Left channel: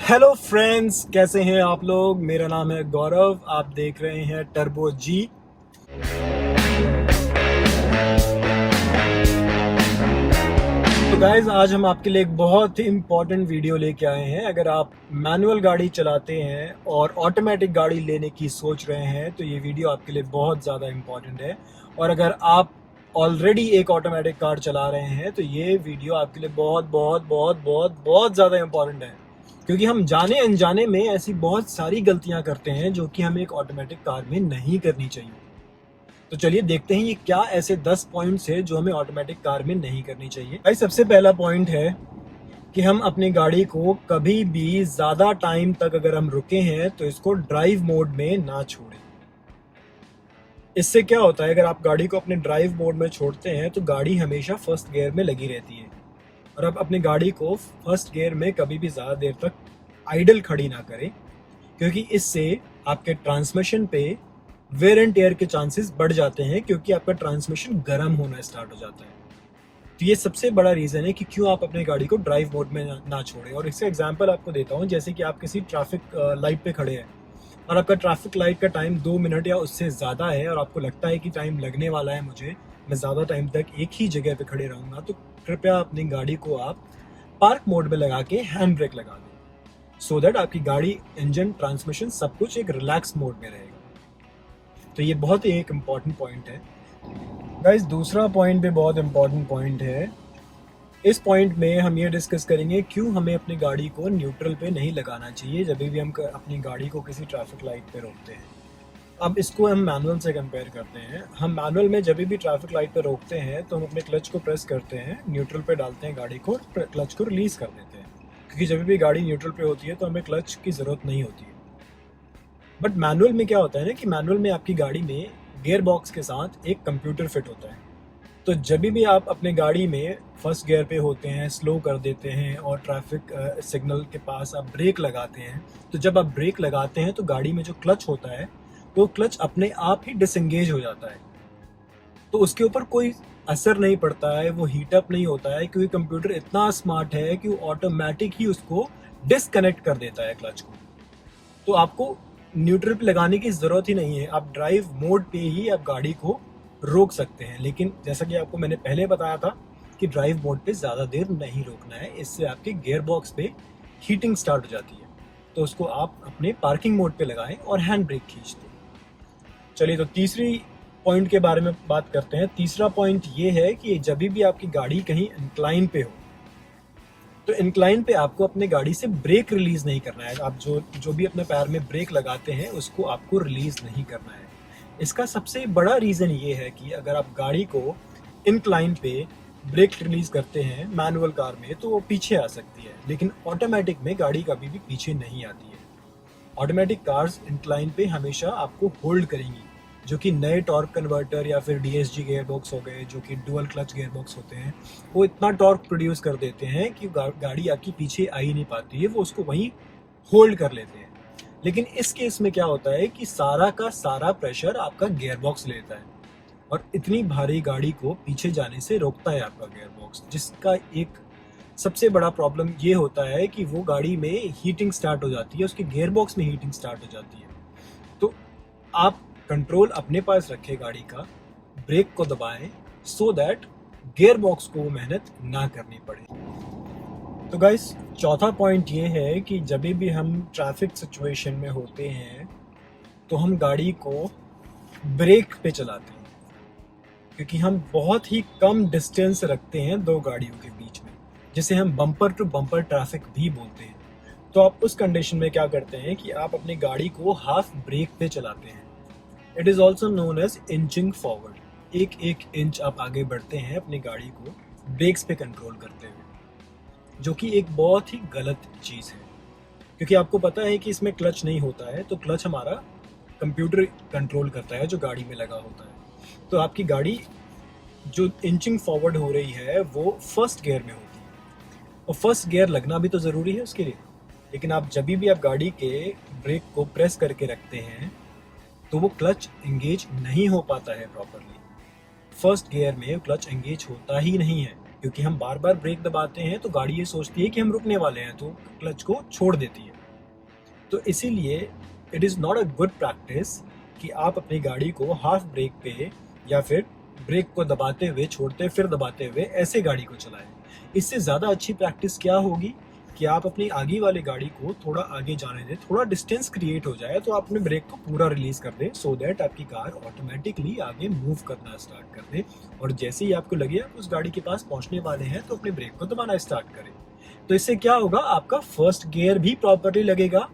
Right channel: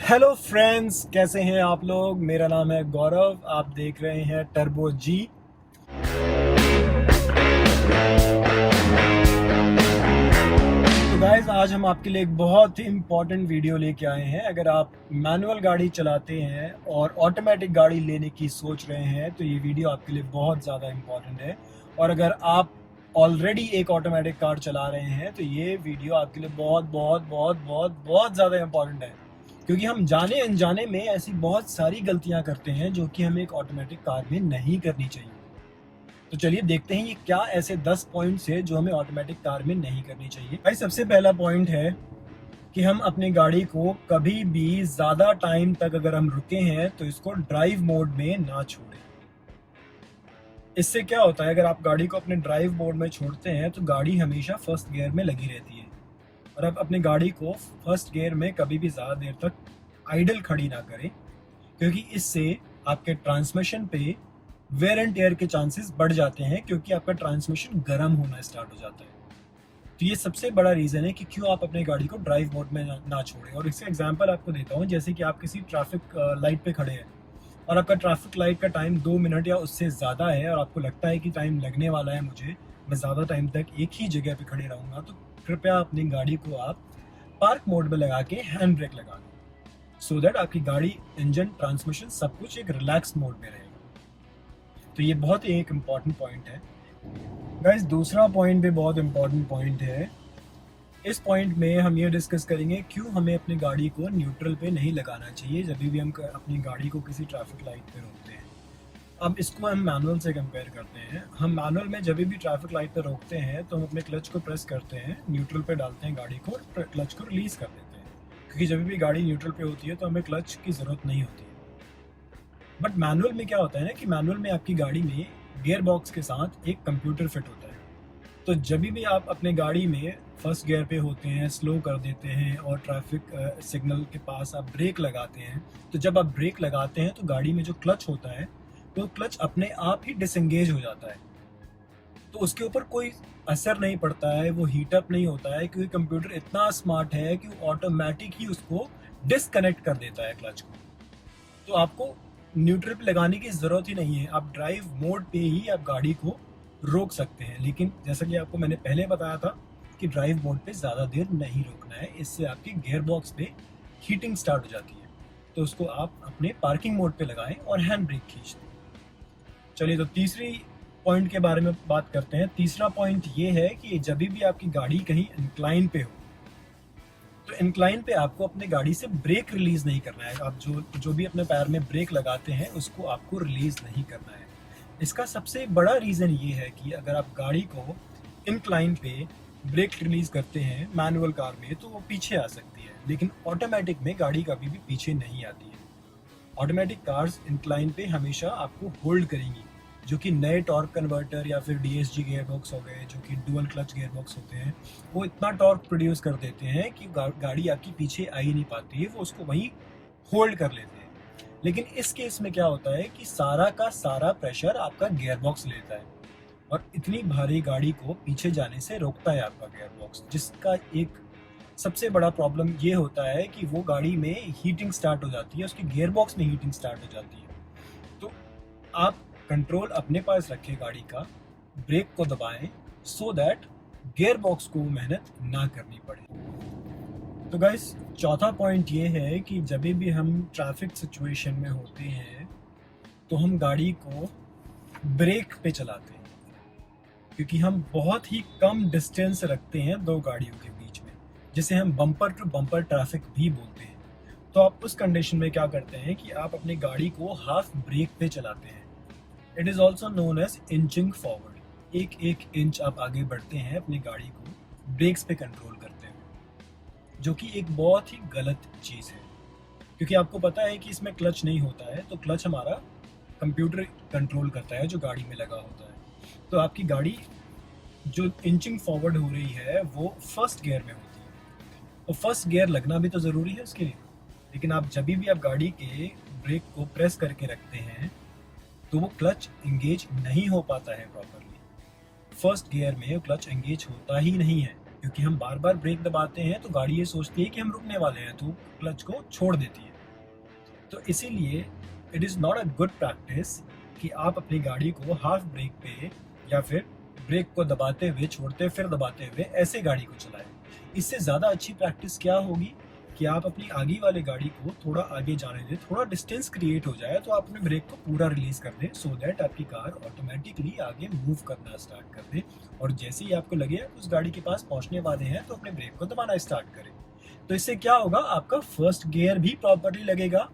Hello friends, कैसे हैं आप लोग। मेरा नाम है गौरव, आप देख रहे हैं टर्बो जी। तो गाइज, आज हम आपके लिए एक बहुत ही इम्पोर्टेंट वीडियो लेके आए हैं। अगर आप मैनुअल गाड़ी चलाते हैं और ऑटोमेटिक गाड़ी लेने की सोच रहे हैं तो ये वीडियो आपके लिए बहुत ज़्यादा इम्पोर्टेंट है। और अगर आप ऑलरेडी एक ऑटोमेटिक कार चला रहे हैं तो ये वीडियो आपके लिए बहुत बहुत बहुत बहुत बहुत ज़्यादा इम्पोर्टेंट है, क्योंकि हम जाने अनजाने में ऐसी बहुत सारी गलतियां करते हैं जो कि हमें एक ऑटोमेटिक कार में नहीं करनी चाहिए। तो चलिए देखते हैं ये क्या ऐसे 10 पॉइंट्स है जो हमें ऑटोमेटिक कार में नहीं करनी चाहिए। भाई, सबसे पहला पॉइंट है कि हम अपनी गाड़ी को कभी भी ज़्यादा टाइम तक अगर हम रुके हैं तो इसको ड्राइव मोड में ना छोड़ें। इससे क्या होता है, अगर आप गाड़ी को अपने ड्राइव मोड में छोड़ते हैं तो गाड़ी हमेशा फर्स्ट गियर में लगी रहती है। और आप अपनी गाड़ी को फर्स्ट गियर में कभी भी ज़्यादा देर तक आइडल खड़ी ना करें, क्योंकि इससे आपके ट्रांसमिशन पे वेयर एंड टेयर के चांसेस बढ़ जाते हैं, क्योंकि आपका ट्रांसमिशन गर्म होना स्टार्ट हो जाता है। तो ये सबसे बड़ा रीज़न है कि क्यों आप अपनी गाड़ी को ड्राइव मोड में ना छोड़ें। और इसका एग्जांपल आपको देता हूँ, जैसे कि आप किसी ट्रैफिक लाइट पे खड़े हैं और आपका ट्रैफिक लाइट का टाइम 2 मिनट या उससे ज़्यादा है और आपको लगता है कि टाइम लगने वाला है, मुझे मैं ज़्यादा टाइम तक एक ही जगह पे खड़े रहूँगा, तो कृपया अपनी गाड़ी को आप पार्क मोड में लगा के हैंड ब्रेक लगा दें, सो दैट आपकी गाड़ी, इंजन, ट्रांसमिशन सब कुछ एक रिलैक्स मोड में रहेगा। तो ये बहुत ही एक इम्पॉर्टेंट पॉइंट है गाइज। दूसरा पॉइंट भी बहुत इम्पॉर्टेंट पॉइंट है। इस पॉइंट में हम ये डिस्कस करेंगे क्यों हमें अपनी गाड़ी को न्यूट्रल पे नहीं लगाना चाहिए जब भी हम अपनी गाड़ी को किसी ट्रैफिक लाइट पे रोकते हैं। अब इसको हम मैनुअल से कंपेयर करते हैं। हम मैनुअल में जब भी ट्रैफिक लाइट पे रोकते हैं तो हम अपने क्लच को प्रेस करते हैं, न्यूट्रल पे डालते हैं गाड़ी को, क्लच को रिलीज कर देते हैं, क्योंकि जब भी गाड़ी न्यूट्रल पे होती है तो हमें क्लच की ज़रूरत नहीं होती है। बट मैनुअल में क्या होता है ना, कि मैनुअल में आपकी गाड़ी में गियर बॉक्स के साथ एक कंप्यूटर फिट होता है। तो जब भी आप अपने गाड़ी में फर्स्ट गियर पे होते हैं, स्लो कर देते हैं और ट्रैफिक सिग्नल के पास आप ब्रेक लगाते हैं, तो जब आप ब्रेक लगाते हैं तो गाड़ी में जो क्लच होता है वो क्लच अपने आप ही डिसएंगेज हो जाता है। तो उसके ऊपर कोई असर नहीं पड़ता है, वो हीट अप नहीं होता है, क्योंकि कंप्यूटर इतना स्मार्ट है कि वो ऑटोमेटिक ही उसको डिसकनेक्ट कर देता है क्लच को। तो आपको न्यूट्रल पे लगाने की ज़रूरत ही नहीं है, आप ड्राइव मोड पे ही आप गाड़ी को रोक सकते हैं। लेकिन जैसा कि आपको मैंने पहले बताया था कि ड्राइव मोड पे ज़्यादा देर नहीं रोकना है, इससे आपके गियर बॉक्स पे हीटिंग स्टार्ट हो जाती है। तो उसको आप अपने पार्किंग मोड पे लगाएं और हैंड ब्रेक खींच दें। चलिए, तो तीसरी पॉइंट के बारे में बात करते हैं। तीसरा पॉइंट ये है कि जब भी आपकी गाड़ी कहीं इंक्लाइन पे हो तो इंक्लाइन पे आपको अपने गाड़ी से ब्रेक रिलीज नहीं करना है। आप जो भी अपने पैर में ब्रेक लगाते हैं उसको आपको रिलीज नहीं करना है। इसका सबसे बड़ा रीज़न ये है कि अगर आप गाड़ी को इंक्लाइन पे ब्रेक रिलीज करते हैं मैनुअल कार में तो वो पीछे आ सकती है, लेकिन ऑटोमेटिक में गाड़ी कभी भी पीछे नहीं आती है। ऑटोमेटिक कार्स इंक्लाइन पे हमेशा आपको होल्ड करेंगी, जो कि नए टॉर्क कन्वर्टर या फिर डीएसजी गियर बॉक्स हो गए, जो कि डुअल क्लच गियर बॉक्स होते हैं, वो इतना टॉर्क प्रोड्यूस कर देते हैं कि गाड़ी आपकी पीछे आ ही नहीं पाती है, वो उसको वहीं होल्ड कर लेते हैं। लेकिन इस केस में क्या होता है कि सारा का सारा प्रेशर आपका गियर बॉक्स लेता है और इतनी भारी गाड़ी को पीछे जाने से रोकता है आपका गियर बॉक्स, जिसका एक सबसे बड़ा प्रॉब्लम ये होता है कि वो गाड़ी में हीटिंग स्टार्ट हो जाती है, उसके गियर बॉक्स में हीटिंग स्टार्ट हो जाती है। तो आप कंट्रोल अपने पास रखें गाड़ी का, ब्रेक को दबाएं, सो दैट गियर बॉक्स को मेहनत ना करनी पड़े। तो गाइस, चौथा पॉइंट ये है कि जब भी हम ट्रैफिक सिचुएशन में होते हैं तो हम गाड़ी को ब्रेक पे चलाते हैं, क्योंकि हम बहुत ही कम डिस्टेंस रखते हैं दो गाड़ियों के बीच में, जिसे हम बम्पर टू बम्पर ट्रैफिक भी बोलते हैं। तो आप उस कंडीशन में क्या करते हैं कि आप अपनी गाड़ी को हाफ ब्रेक पे चलाते हैं। It is also known as inching forward. एक एक इंच आप आगे बढ़ते हैं अपनी गाड़ी को ब्रेक्स पे कंट्रोल करते हुए, जो कि एक बहुत ही गलत चीज़ है, क्योंकि आपको पता है कि इसमें क्लच नहीं होता है। तो क्लच हमारा कंप्यूटर कंट्रोल करता है जो गाड़ी में लगा होता है। तो आपकी गाड़ी जो इंचिंग फॉरवर्ड हो रही है वो फर्स्ट गियर में होती है, और फर्स्ट गियर लगना भी तो ज़रूरी है उसके लिए। लेकिन आप जब भी आप गाड़ी के ब्रेक को प्रेस करके रखते हैं तो वो क्लच एंगेज नहीं हो पाता है प्रॉपरली। फर्स्ट गियर में क्लच एंगेज होता ही नहीं है, क्योंकि हम बार बार ब्रेक दबाते हैं तो गाड़ी ये सोचती है कि हम रुकने वाले हैं, तो क्लच को छोड़ देती है। तो इसीलिए it is not a good practice कि आप अपनी गाड़ी को हाफ ब्रेक पे या फिर ब्रेक को दबाते हुए छोड़ते फिर दबाते हुए ऐसे गाड़ी को चलाएं। इससे ज़्यादा अच्छी प्रैक्टिस क्या होगी कि आप अपनी आगे वाली गाड़ी को थोड़ा आगे जाने दें, थोड़ा डिस्टेंस क्रिएट हो जाए तो आप अपने ब्रेक को पूरा रिलीज कर दें, सो दैट आपकी कार ऑटोमेटिकली आगे मूव करना स्टार्ट कर दे। और जैसे ही आपको लगे आप उस गाड़ी के पास पहुंचने वाले हैं तो अपने ब्रेक को दबाना स्टार्ट करें। तो इससे क्या होगा, आपका फर्स्ट गियर भी प्रॉपरली लगेगा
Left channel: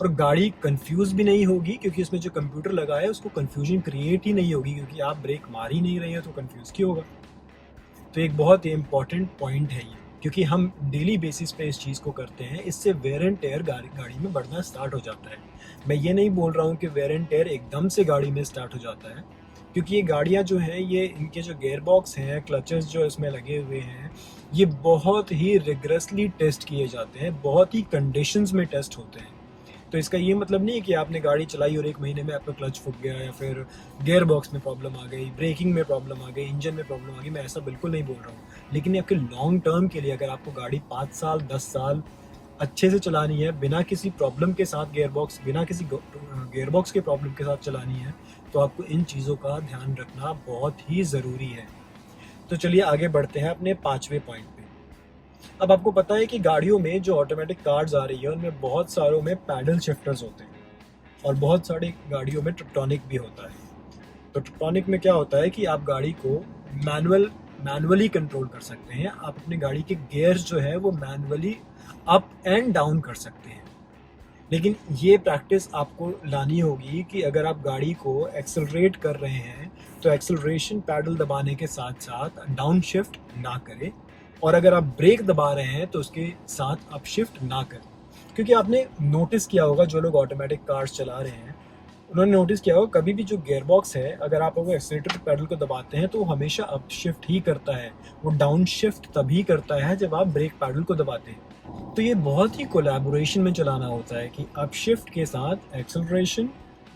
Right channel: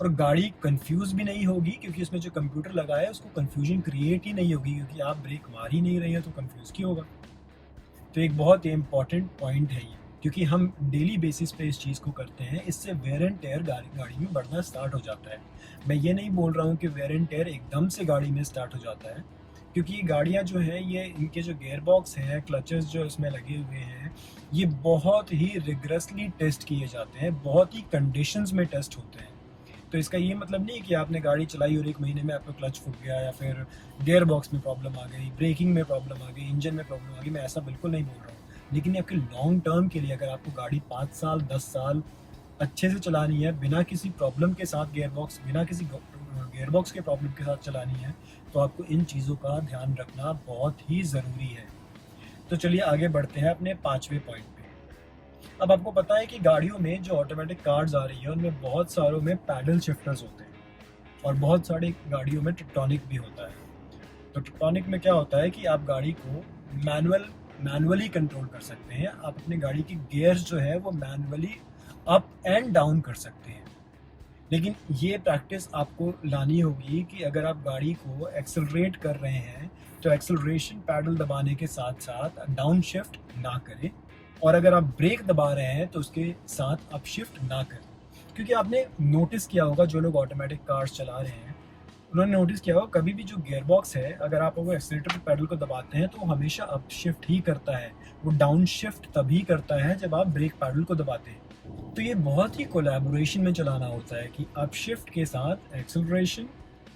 और गाड़ी कंफ्यूज भी नहीं होगी, क्योंकि उसमें जो कंप्यूटर लगा है उसको कंफ्यूजन क्रिएट ही नहीं होगी, क्योंकि आप ब्रेक मार ही नहीं रहे हो तो कंफ्यूज क्यों होगा। तो एक बहुत ही इंपॉर्टेंट पॉइंट है ये, क्योंकि हम डेली बेसिस पे इस चीज़ को करते हैं, इससे वेयर एंड टेयर गाड़ी में बढ़ना स्टार्ट हो जाता है। मैं ये नहीं बोल रहा हूँ कि वेयर एंड टेयर एकदम से गाड़ी में स्टार्ट हो जाता है, क्योंकि ये गाड़ियाँ जो हैं, ये इनके जो गेयर बॉक्स हैं, क्लचेस जो इसमें लगे हुए हैं, ये बहुत ही रिगरसली टेस्ट किए जाते हैं, बहुत ही कंडीशंस में टेस्ट होते हैं। तो इसका ये मतलब नहीं है कि आपने गाड़ी चलाई और 1 महीने में आपका क्लच फूक गया या फिर गियर बॉक्स में प्रॉब्लम आ गई, ब्रेकिंग में प्रॉब्लम आ गई, इंजन में प्रॉब्लम आ गई। मैं ऐसा बिल्कुल नहीं बोल रहा हूँ, लेकिन ये आपके लॉन्ग टर्म के लिए, अगर आपको गाड़ी 5 साल 10 साल अच्छे से चलानी है, बिना किसी प्रॉब्लम के साथ बिना किसी गियर बॉक्स के प्रॉब्लम के साथ चलानी है, तो आपको इन चीज़ों का ध्यान रखना बहुत ही ज़रूरी है। तो चलिए आगे बढ़ते हैं अपने 5वें पॉइंट पे। अब आपको पता है कि गाड़ियों में जो ऑटोमेटिक कार्स आ रही है उनमें बहुत सारों में पैडल शिफ्टर्स होते हैं और बहुत सारी गाड़ियों में ट्रिप्टॉनिक भी होता है। तो ट्रिप्टॉनिक में क्या होता है कि आप गाड़ी को मैनुअली कंट्रोल कर सकते हैं। आप अपनी गाड़ी के गियर्स जो है वो मैनुअली अप एंड डाउन कर सकते हैं। लेकिन ये प्रैक्टिस आपको लानी होगी कि अगर आप गाड़ी को एक्सेलरेट कर रहे हैं तो एक्सेलरेशन पैडल दबाने के साथ साथ डाउन शिफ्ट ना करें, और अगर आप ब्रेक दबा रहे हैं तो उसके साथ अप शिफ्ट ना करें। क्योंकि आपने नोटिस किया होगा, जो लोग ऑटोमेटिक कार्स चला रहे हैं उन्होंने नोटिस किया होगा, कभी भी जो गियर बॉक्स है, अगर आप वो एक्सीलरेटर पैडल को दबाते हैं तो वो हमेशा अप शिफ्ट ही करता है, वो डाउन शिफ्ट तभी करता है जब आप ब्रेक पैडल को दबाते हैं। तो ये बहुत ही कोलैबोरेशन में चलाना होता है कि अप शिफ्ट के साथ एक्सेलरेशन,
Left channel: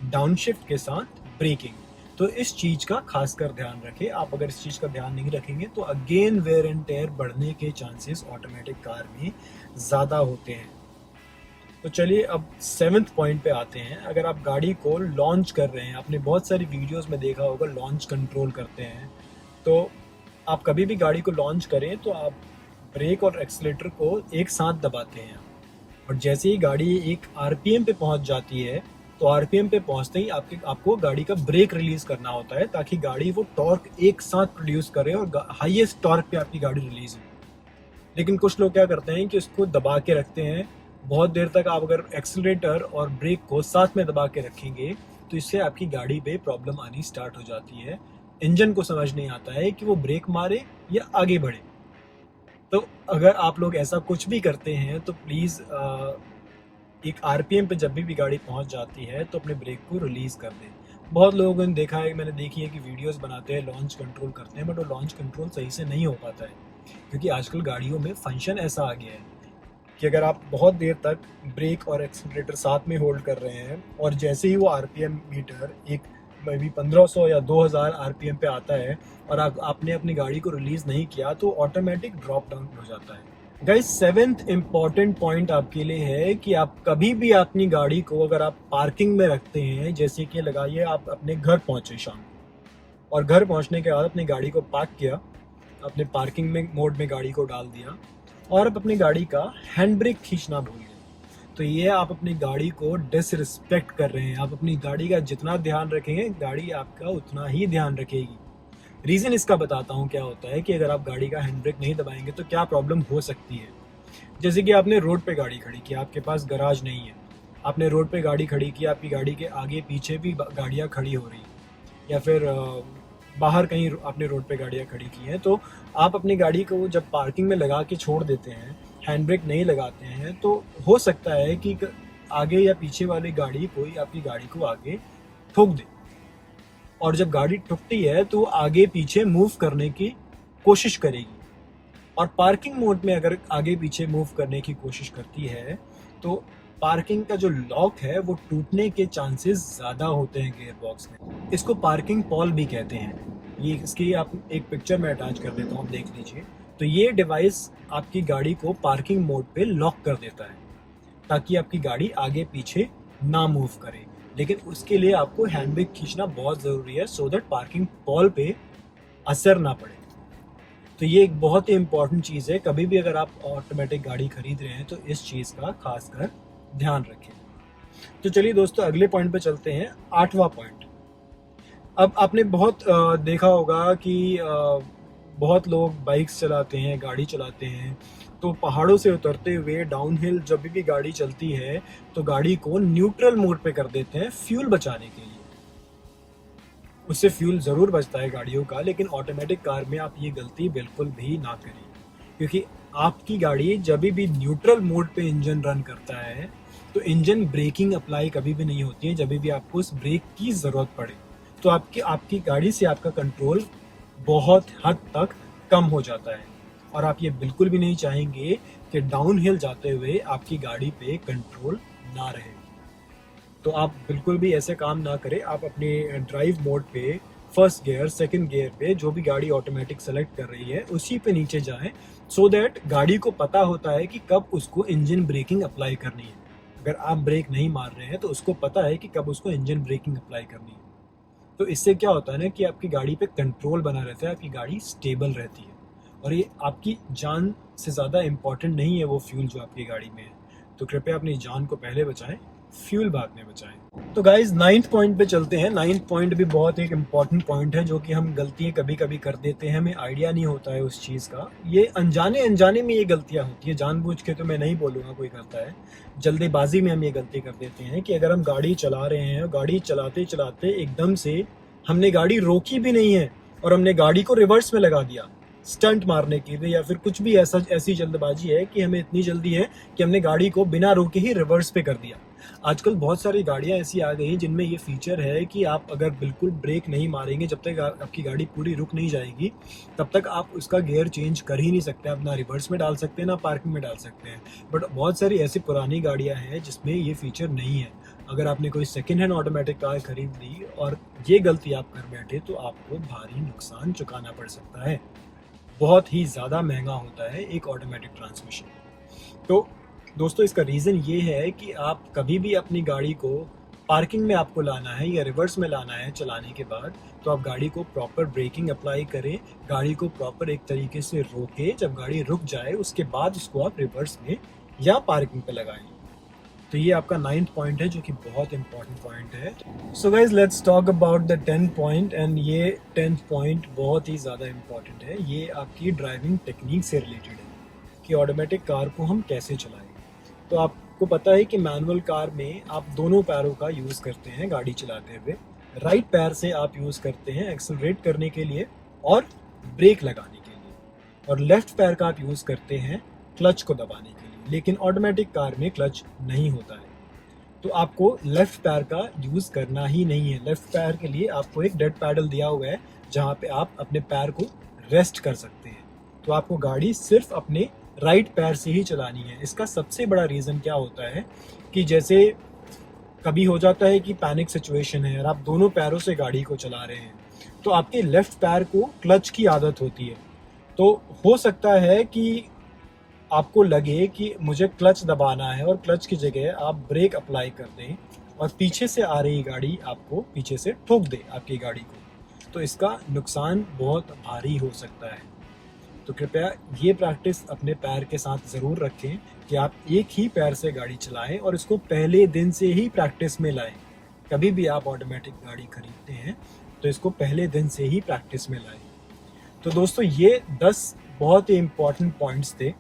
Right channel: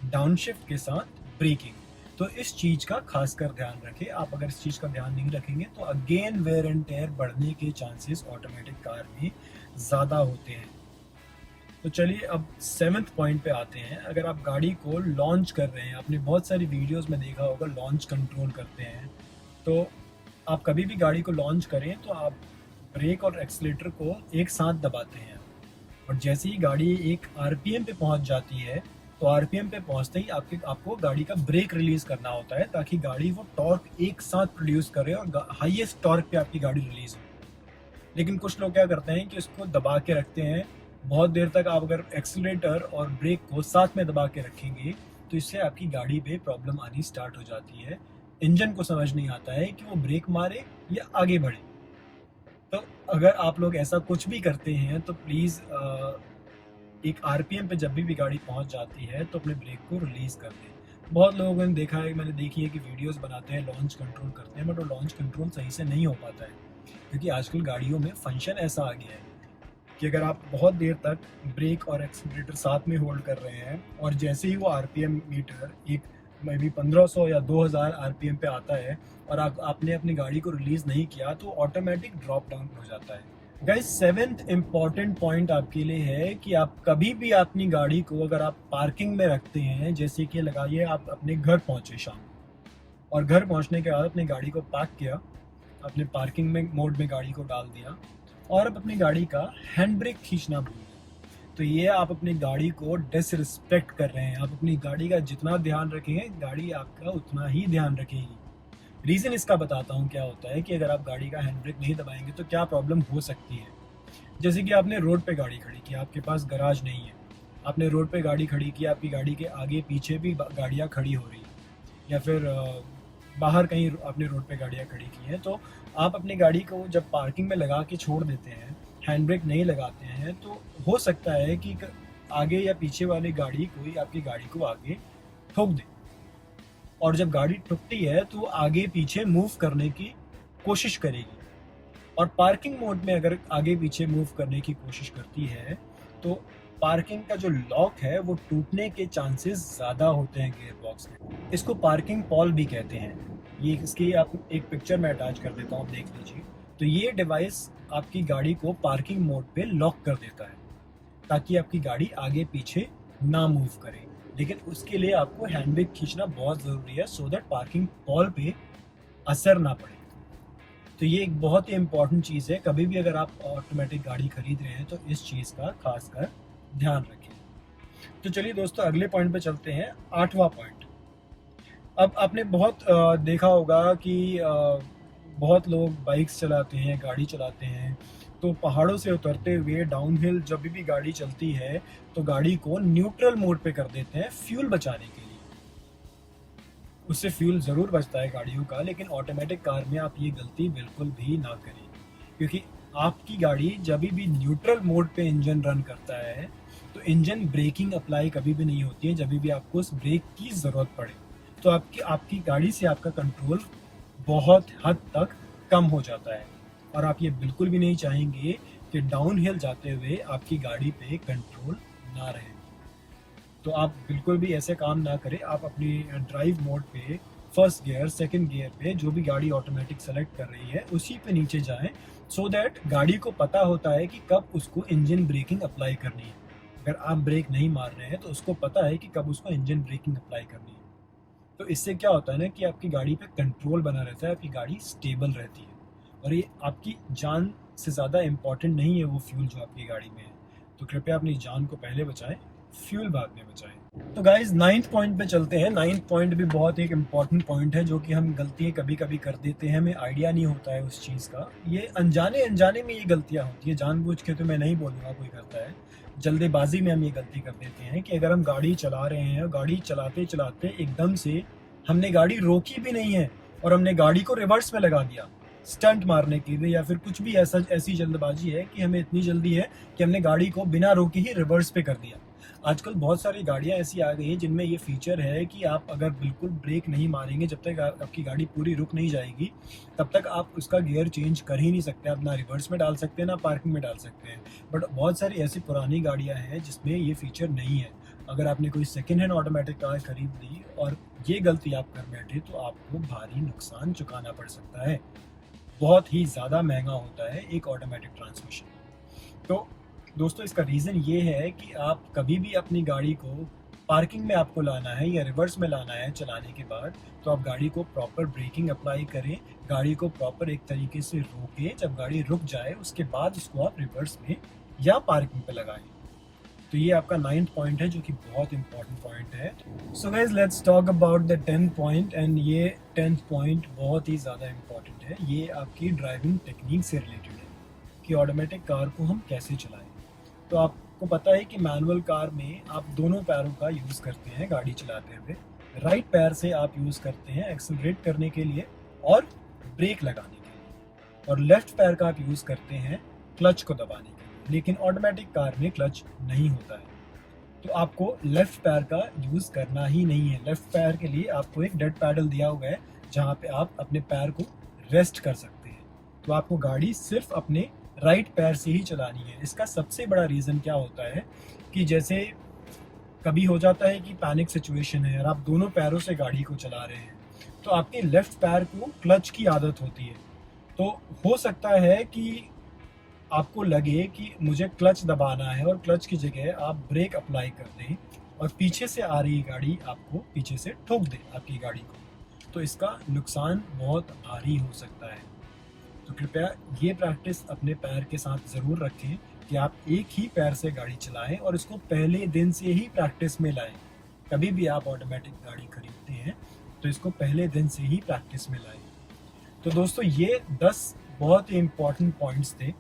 डाउन शिफ्ट के साथ ब्रेकिंग। तो इस चीज़ का खासकर ध्यान रखें। आप अगर इस चीज़ का ध्यान नहीं रखेंगे तो अगेन वेयर एंड टेयर बढ़ने के चांसेस ऑटोमेटिक कार में ज़्यादा होते हैं। तो चलिए अब 7th पॉइंट पे आते हैं। अगर आप गाड़ी को लॉन्च कर रहे हैं, आपने बहुत सारी वीडियोस में देखा होगा लॉन्च कंट्रोल करते हैं, तो आप कभी भी गाड़ी को लॉन्च करें तो आप ब्रेक और एक्सीलरेटर को एक साथ दबाते हैं, और जैसे ही गाड़ी एक आरपीएम पे पहुंच जाती है तो आरपीएम पे पहुंचते ही आपको गाड़ी का ब्रेक रिलीज करना होता है, ताकि गाड़ी वो टॉर्क एक साथ प्रोड्यूस करे और हाईएस्ट टॉर्क पे आपकी गाड़ी रिलीज हो। लेकिन कुछ लोग क्या करते हैं कि उसको दबा के रखते हैं बहुत देर तक। आप अगर एक्सीलरेटर और ब्रेक को साथ में दबा के रखेंगे तो इससे आपकी गाड़ी पे प्रॉब्लम आनी स्टार्ट हो जाती है। इंजन को समझ नहीं आता है कि वो ब्रेक मारे या आगे बढ़े। तो अगर आप लोग ऐसा कुछ भी करते हैं तो प्लीज़ एक आरपीएम पे जब भी गाड़ी पहुंच जाती है तो अपने ब्रेक को रिलीज़ कर दें। बहुत लोगों ने देखा है, मैंने देखी है कि वीडियोस बनाते हैं, लॉन्च कंट्रोल करते हैं, बट वो लॉन्च कंट्रोल सही से नहीं हो पाता है, क्योंकि आजकल गाड़ियों में फंक्शन ऐसा आ गया है कि अगर आप बहुत देर तक ब्रेक और एक्सीलरेटर साथ में होल्ड कर रहे हैं और जैसे ही वो आरपीएम मीटर एक मे बी 1500 या 2000 आरपीएम पे आता है और आपने अपनी गाड़ी को रिलीज़ नहीं किया तो ऑटोमेटिक ड्रॉप डाउन हो जाता है। गाइस 7th इम्पॉर्टेंट पॉइंट आपके लिए है कि आप कभी भी अपनी गाड़ी को अगर आप पार्किंग में रखते हैं, जैसे कि लगाइए आप अपने घर पहुंचे शाम को और घर पहुंचने के बाद अपनी गाड़ी को पार्क किया, अपने पार्किंग में मोड में गाड़ी को डाल दिया और आप अपनी गाड़ी का हैंड ब्रेक खींचना भूल गए, तो ये आप अपनी गाड़ी को डिसरिस्पेक्ट कर रहे हैं। आप अपनी गाड़ी का जितना ध्यान रखेंगे गाड़ी आपका उतना ही ध्यान रखेगी। रीज़न इसका बताता हूँ क्या होता है कि अगर आप गाड़ी का हैंड ब्रेक नहीं दबाएंगे तो क्या प्रॉब्लम हो सकती है। जैसे कि आपने रोड पे गाड़ी खड़ी की, आपके पास गराज नहीं है, आपने रोड पे गाड़ी खड़ी की, आपकी गाड़ी के आगे पीछे भी गाड़ियाँ खड़ी हो रही हैं, या फिर बाहर कहीं आपने रोड पे गाड़ियाँ खड़ी की हैं, तो आप अपनी गाड़ी को जब पार्किंग में लगा के छोड़ देते हैं, हैंड ब्रेक नहीं लगाते हैं, तो हो सकता है कि आगे या पीछे वाली गाड़ी कोई आपकी गाड़ी को आगे ठोक दे, और जब गाड़ी ठुकती है तो आगे पीछे मूव करने की कोशिश करेगी, और पार्किंग मोड में अगर आगे पीछे मूव करने की कोशिश करती है तो पार्किंग का जो लॉक है वो टूटने के चांसेस ज़्यादा होते हैं गियर बॉक्स में। इसको पार्किंग पॉल भी कहते हैं। ये इसकी आप एक पिक्चर में अटैच कर देता हूँ, आप देख लीजिए। तो ये डिवाइस आपकी गाड़ी को पार्किंग मोड पे लॉक कर देता है। ताकि आपकी गाड़ी आगे पीछे ना मूव करे। लेकिन उसके लिए आपको हैंड ब्रेक खींचना बहुत ज़रूरी है, सो दैट पार्किंग बॉल पे असर ना पड़े। तो ये एक बहुत ही इंपॉर्टेंट चीज़ है, कभी भी अगर आप ऑटोमेटिक गाड़ी खरीद रहे हैं तो इस चीज़ का खासकर ध्यान रखें। तो चलिए दोस्तों, अगले पॉइंट पे चलते हैं, 8वां पॉइंट। अब आपने बहुत देखा होगा कि बहुत लोग बाइक्स चलाते हैं, गाड़ी चलाते हैं, तो पहाड़ों से उतरते हुए डाउनहिल जब भी गाड़ी चलती है तो गाड़ी को न्यूट्रल मोड पे कर देते हैं फ्यूल बचाने के लिए। उससे फ्यूल ज़रूर बचता है गाड़ियों का, लेकिन ऑटोमेटिक कार में आप ये गलती बिल्कुल भी ना करें, क्योंकि आपकी गाड़ी जब भी न्यूट्रल मोड पे इंजन रन करता है तो इंजन ब्रेकिंग अप्लाई कभी भी नहीं होती है जब भी आपको उस ब्रेक की ज़रूरत पड़े। तो आपकी गाड़ी से आपका कंट्रोल बहुत हद तक कम हो जाता है, और आप ये बिल्कुल भी नहीं चाहेंगे कि डाउनहिल जाते हुए आपकी गाड़ी पे कंट्रोल ना रहे। तो आप बिल्कुल भी ऐसे काम ना करें। आप अपने ड्राइव मोड पे फर्स्ट गियर, सेकंड गियर पे जो भी गाड़ी ऑटोमेटिक सेलेक्ट कर रही है उसी पे नीचे जाएं, सो दैट गाड़ी को पता होता है कि कब उसको इंजन ब्रेकिंग अप्लाई करनी है। अगर आप ब्रेक नहीं मार रहे हैं तो उसको पता है कि कब उसको इंजन ब्रेकिंग अप्लाई करनी है। तो इससे क्या होता है ना कि आपकी गाड़ी पे कंट्रोल बना रहता है, आपकी गाड़ी स्टेबल रहती है, और ये आपकी जान से ज़्यादा इम्पॉर्टेंट नहीं है वो फ्यूल जो आपकी गाड़ी में है। तो कृपया अपनी जान को पहले बचाएं, फ्यूल बाद में बचाएं। तो गाइज 9th पॉइंट पे चलते हैं। 9th पॉइंट भी बहुत एक इम्पॉर्टेंट पॉइंट है, जो कि हम गलतियाँ कभी कभी कर देते हैं, हमें आइडिया नहीं होता है उस चीज़ का। ये अनजाने में ये गलतियाँ होती है, जानबूझ के तो मैं नहीं बोलूँगा कोई करता है, जल्दीबाजी में हम ये गलती कर देते हैं कि अगर हम गाड़ी चला रहे हैं और गाड़ी चलाते चलाते एकदम से हमने गाड़ी रोकी भी नहीं है और हमने गाड़ी को रिवर्स में लगा दिया स्टंट मारने के लिए, या फिर कुछ भी ऐसी जल्दबाजी है कि हमें इतनी जल्दी है कि हमने गाड़ी को बिना रोके ही रिवर्स पे कर दिया। आजकल बहुत सारी गाड़ियां ऐसी आ गई हैं जिनमें ये फीचर है कि आप अगर बिल्कुल ब्रेक नहीं मारेंगे, जब तक आपकी गाड़ी पूरी रुक नहीं जाएगी तब तक आप उसका गियर चेंज कर ही नहीं सकते। आप ना रिवर्स में डाल सकते हैं ना पार्किंग में डाल सकते हैं। बट बहुत सारी ऐसी पुरानी गाड़ियां हैं जिसमें ये फीचर नहीं है। अगर आपने कोई सेकेंड हैंड ऑटोमेटिक कार खरीद ली और ये गलती आप कर बैठे तो आपको भारी नुकसान चुकाना पड़ सकता है। बहुत ही ज़्यादा महंगा होता है एक ऑटोमेटिक ट्रांसमिशन। तो दोस्तों, इसका रीज़न ये है कि आप कभी भी अपनी गाड़ी को पार्किंग में आपको लाना है या रिवर्स में लाना है चलाने के बाद, तो आप गाड़ी को प्रॉपर ब्रेकिंग अप्लाई करें, गाड़ी को प्रॉपर एक तरीके से रोके, जब गाड़ी रुक जाए उसके बाद उसको आप रिवर्स में या पार्किंग पे लगाएं। तो ये आपका 9th पॉइंट है, जो कि बहुत इंपॉर्टेंट पॉइंट है। So guys, let's talk about the 10th point, and ये 10th पॉइंट बहुत ही ज़्यादा इंपॉर्टेंट है। ये आपकी ड्राइविंग टेक्निक से रिलेटेड है कि ऑटोमेटिक कार को हम कैसे चलाएं। तो आपको पता है कि मैनुअल कार में आप दोनों पैरों का यूज़ करते हैं गाड़ी चलाते हुए। राइट पैर से आप यूज़ करते हैं एक्सेलरेट करने के लिए और ब्रेक लगाने के लिए, और लेफ्ट पैर का आप यूज़ करते हैं क्लच को दबाने के लिए। लेकिन ऑटोमेटिक कार में क्लच नहीं होता है, तो आपको लेफ्ट पैर का यूज़ करना ही नहीं है। लेफ्ट पैर के लिए आपको एक डेड पैडल दिया हुआ है जहाँ पे आप अपने पैर को रेस्ट कर सकते हैं। तो आपको गाड़ी सिर्फ अपने राइट पैर से ही चलानी है। इसका सबसे बड़ा रीज़न क्या होता है कि जैसे कभी हो जाता है कि पैनिक सिचुएशन है और आप दोनों पैरों से गाड़ी को चला रहे हैं, तो आपके लेफ्ट पैर को क्लच की आदत होती है। तो हो सकता है कि आपको लगे कि मुझे क्लच दबाना है और क्लच की जगह आप ब्रेक अप्लाई कर दें और पीछे से आ रही गाड़ी आपको पीछे से ठोक दे आपकी गाड़ी को, तो इसका नुकसान बहुत भारी हो सकता है। तो कृपया ये प्रैक्टिस अपने पैर के साथ ज़रूर रखें कि आप एक ही पैर से गाड़ी चलाएं और इसको पहले दिन से ही प्रैक्टिस में लाएं। कभी भी आप ऑटोमेटिक गाड़ी खरीदते हैं तो इसको पहले दिन से ही प्रैक्टिस में लाएं। तो दोस्तों, ये 10 बहुत ही इम्पॉर्टेंट पॉइंट्स थे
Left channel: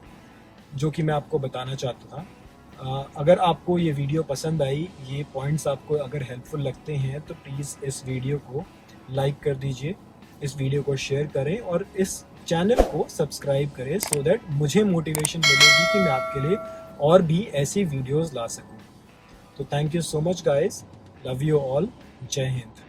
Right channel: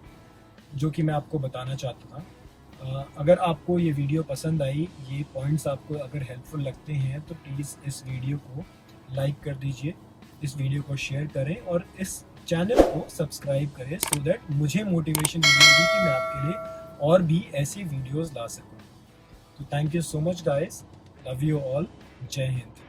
जो कि मैं आपको बताना चाहता था। अगर आपको ये वीडियो पसंद आई, ये पॉइंट्स आपको अगर हेल्पफुल लगते हैं, तो प्लीज़ इस वीडियो को लाइक कर दीजिए, इस वीडियो को शेयर करें और इस चैनल को सब्सक्राइब करें, सो दैट मुझे मोटिवेशन मिलेगी कि मैं आपके लिए और भी ऐसी वीडियोस ला सकूं। तो thank you so much guys, love you all, जय हिंद।